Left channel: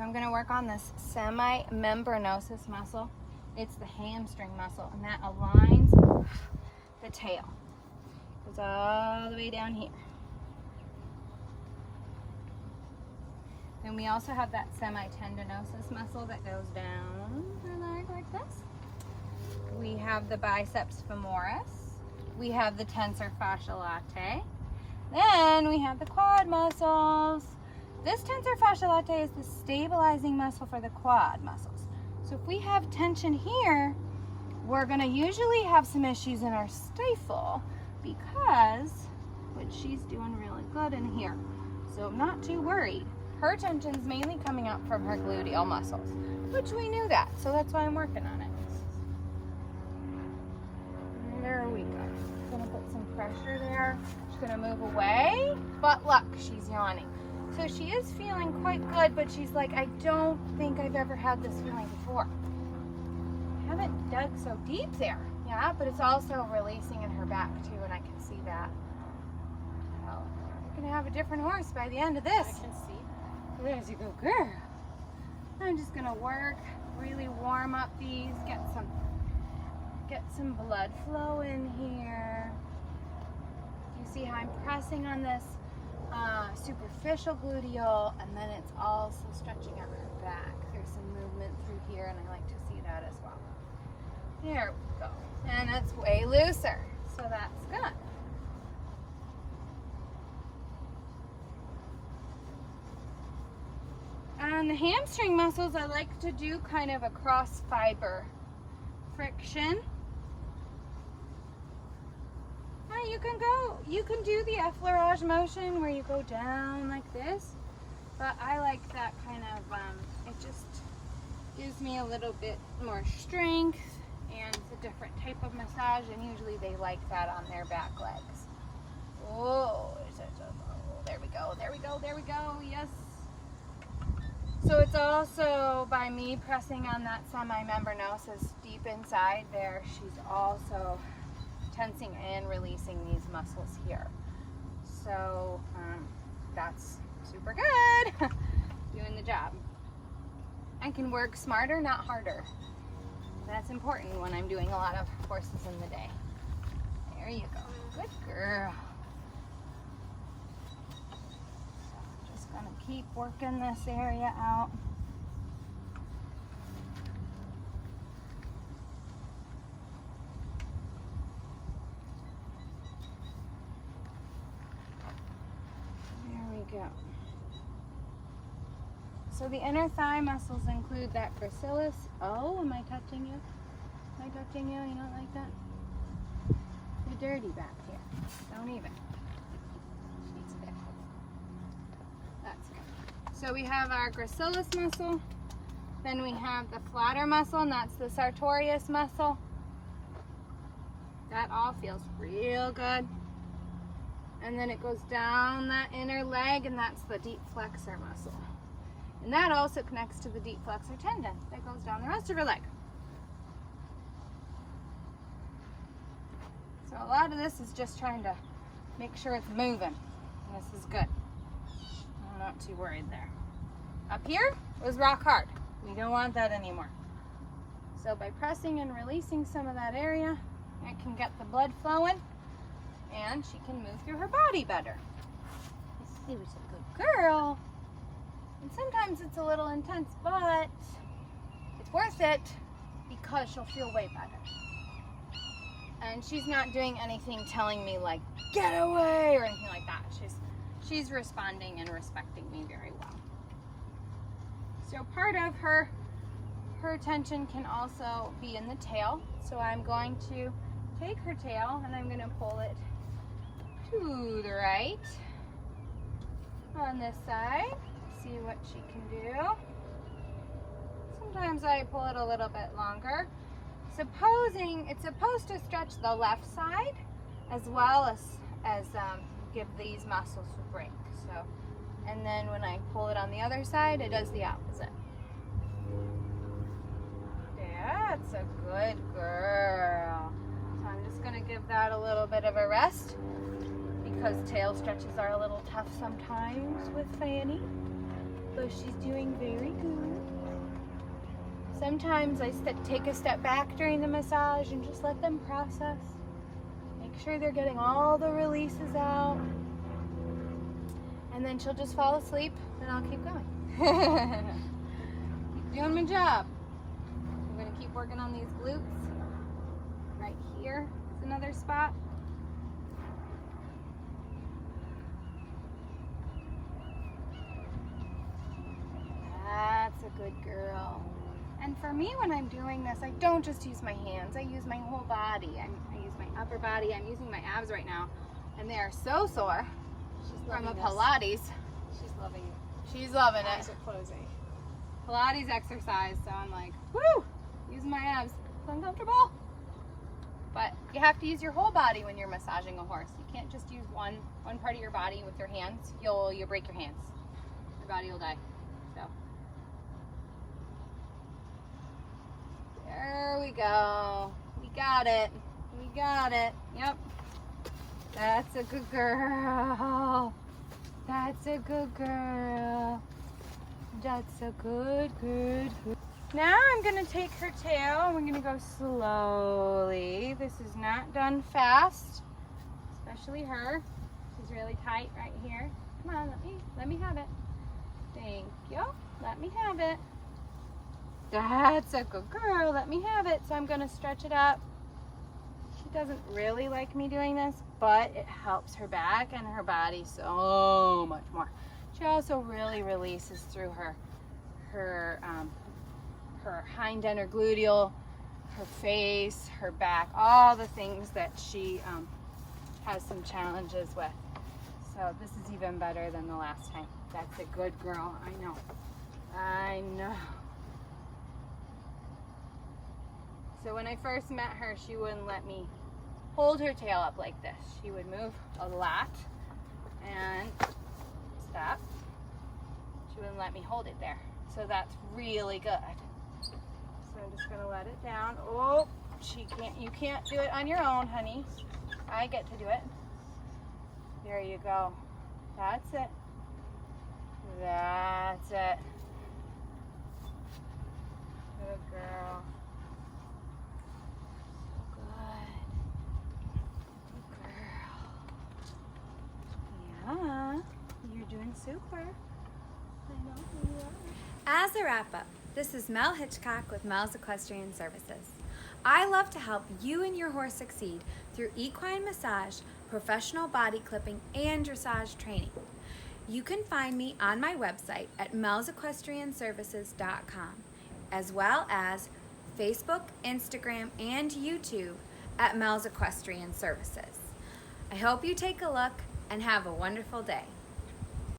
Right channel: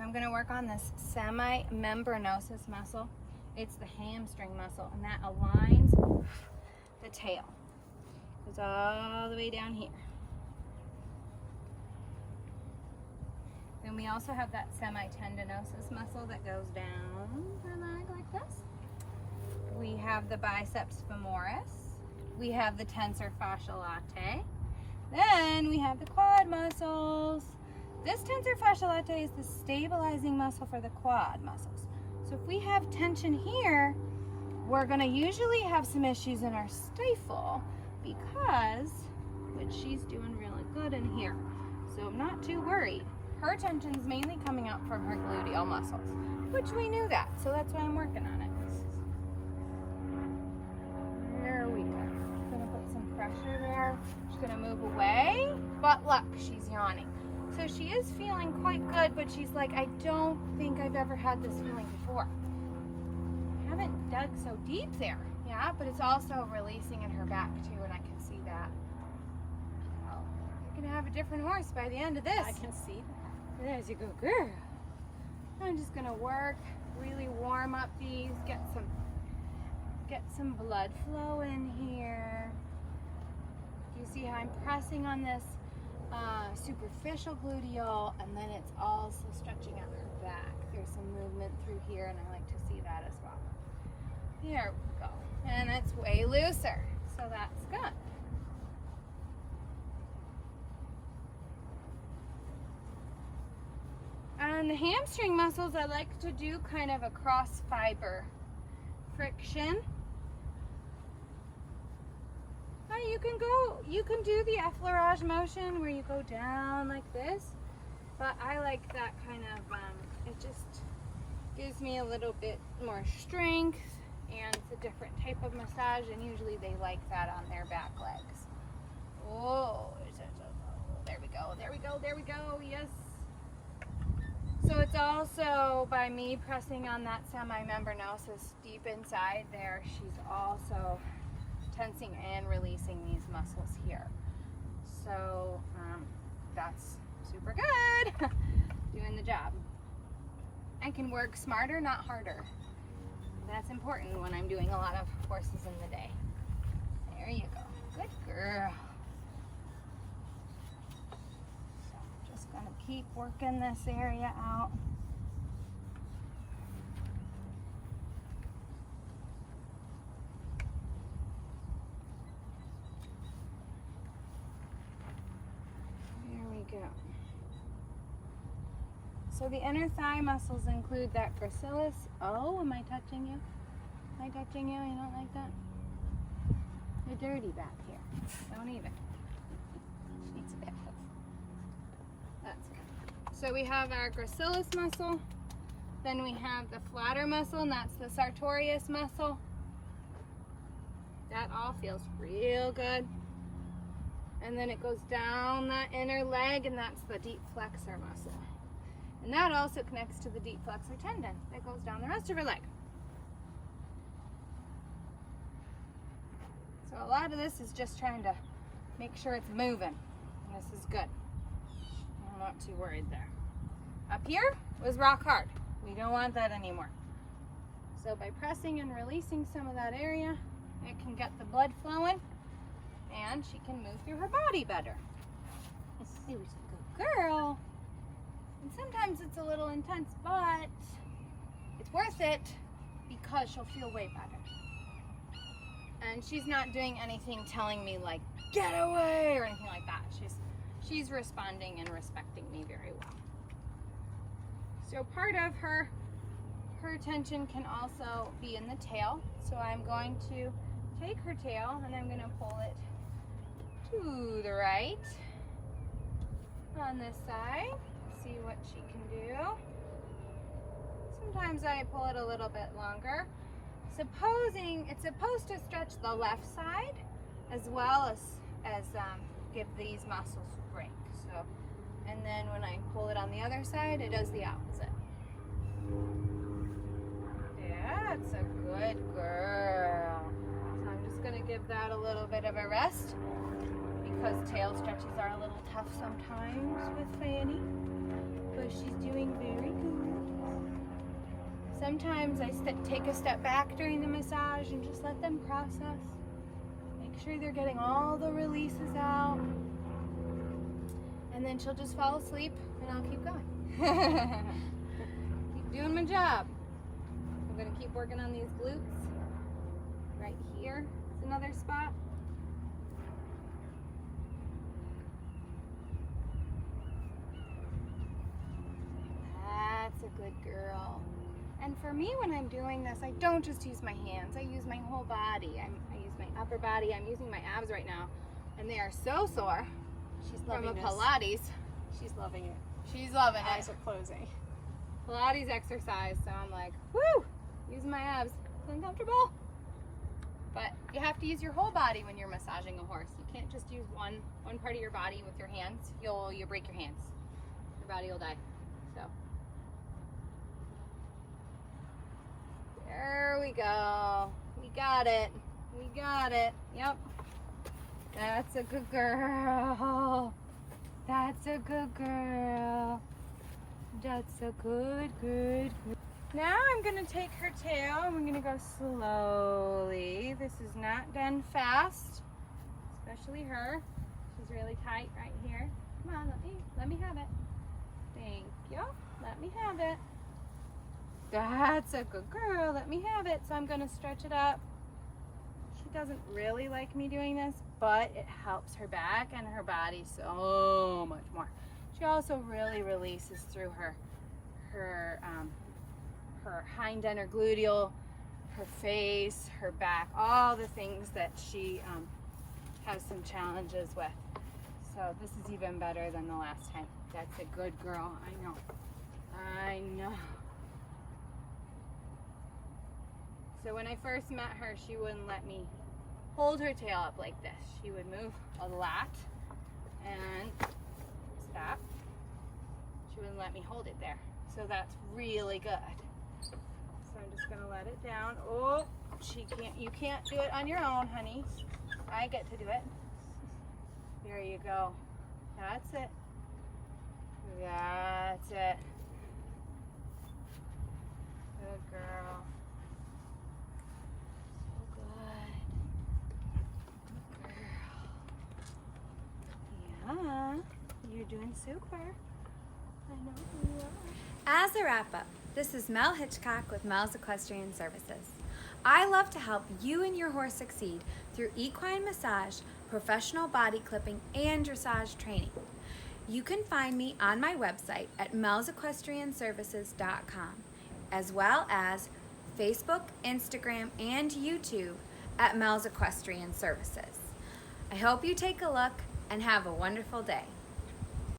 So I'm gonna work on this semi-membranosus muscle. It's the hamstring muscle, and that aligns the tail. Goes all the way down here. Then we also have that semi-tendinosus muscle that goes down the leg like this. We have the biceps femoris. We have the tensor fasciae latae. Then we have the quad muscles. This tensor fasciae latae is the stabilizing muscle for the quad muscles. So if we have tension here, we're gonna usually have some issues in our stifle because, which she's doing really good in here. So I'm not too worried. Her tension's mainly coming out from her gluteal muscles, which we knew that, so that's why I'm working on it. There we go. Gonna put some pressure there. She's gonna move away, but look, she's yawning. So she is feeling quite good, but she's like, I don't think I've ever had this feeling before. I haven't dug so deep there. Yeah, but it's also releasing in her back too, and I can see that. Oh, you're gonna have a different horse by the end of this. I can see. There's a good girl. I'm just gonna work, really warm up these, get some blood flow in here. You see how I'm pressing on this superficial gluteal, and then it's also stretching out her back. There's some movement through here, and I like to see that as well. There we go. And it's way looser, so that's good. On the hamstring muscles, I like to do kind of a cross fiber friction. You can do the effleurage motion where you go down like this, but I like that kind of, it just gives me a little bit more strength, and it's a different type of massage, and usually they like that on their back legs. Whoa, there we go, there we go, there we go, yes. So it's also by me pressing on that semi-membranosus deep inside there, she's also tensing and releasing these muscles here. So that's super good. Doing the job. I can work smarter, not harder. That's important when I'm doing a lot of horses in the day. There you go. Good girl. So just gonna keep working this area out. Go. So the inner thigh muscles include that gracilis. Oh, am I touching you? Am I touching you? You don't like that? You're dirty back here. Don't even. She's bad. That's good. So we have our gracilis muscle. Then we have the flatter muscle, and that's the sartorius muscle. That all feels real good. And then it goes down that inner leg, and that's the deep flexor muscle. And that also connects to the deep flexor tendon that goes down the rest of her leg. So a lot of this is just trying to make sure it's moving. And this is good. I'm not too worried there. Up here was rock hard. We don't want that anymore. So by pressing and releasing some of that area, it can get the blood flowing, and she can move through her body better. She was a good girl. And sometimes it's a little intense, but it's worth it because she'll feel way better. And she's not doing anything telling me like, get away, or anything like that. She's responding and respecting me very well. So part of her tension can also be in the tail. So I'm going to take her tail and I'm going to pull it to the right on this side. See what she can do. Sometimes I pull it a little bit longer. Supposing it's supposed to stretch the left side as well as give these muscles a break. So, and then when I pull it on the other side, it does the opposite. That's a good girl. So I'm just gonna give that a little bit of a rest because tail stretches are a little tough sometimes with Fanny. but she's doing very good. Sometimes I take a step back during the massage and just let them process. Make sure they're getting all the releases out. And then she'll just fall asleep and I'll keep going. Keep doing my job. I'm gonna keep working on these glutes. Right here is another spot. That's a good girl. And for me, when I'm doing this, I don't just use my hands. I use my whole body. I use my upper body. I'm using my abs right now, and they are so sore. She's from loving a Pilates. She's loving it. She's loving Eyes it. are closing. Pilates exercise, so I'm like, woo! Using my abs. It's uncomfortable. But you have to use your whole body when you're massaging a horse. You can't just use one part of your body with your hands. You'll break your hands. Your body will die. So there we go. We got it. We got it. Yep. That's a good girl. That's a good girl. That's a good. Now I'm gonna take her tail and we're gonna go slowly. This is not done fast, especially her. She's really tight right here. Come on, let me have it. Thank you. Let me have it. That's a good girl. Let me have it. So I'm gonna stretch it up. She doesn't really like me doing this, but it helps her back and her body so much more. She also really releases through her hind end or gluteal, her face, her back, all the things that she has some challenges with. So this is even better than the last time. That's a good girl. I know. I know. So when I first met her, she wouldn't let me hold her tail up like this. She would move a lot and stop. She wouldn't let me hold it there. So that's really good. So I'm just gonna let it down. Oh, you can't do it on your own, honey. I get to do it. There you go. That's it. That's it. Good girl. So good. Good girl. Yeah, you're doing super. I know you are. As a wrap-up, this is Mel Hitchcock with Mel's Equestrian Services. I love to help you and your horse succeed through equine massage, professional body clipping, and dressage training. You can find me on my website at melsequestrianservices.com, as well as Facebook, Instagram, and YouTube at Mel's Equestrian Services. I hope you take a look and have a wonderful day.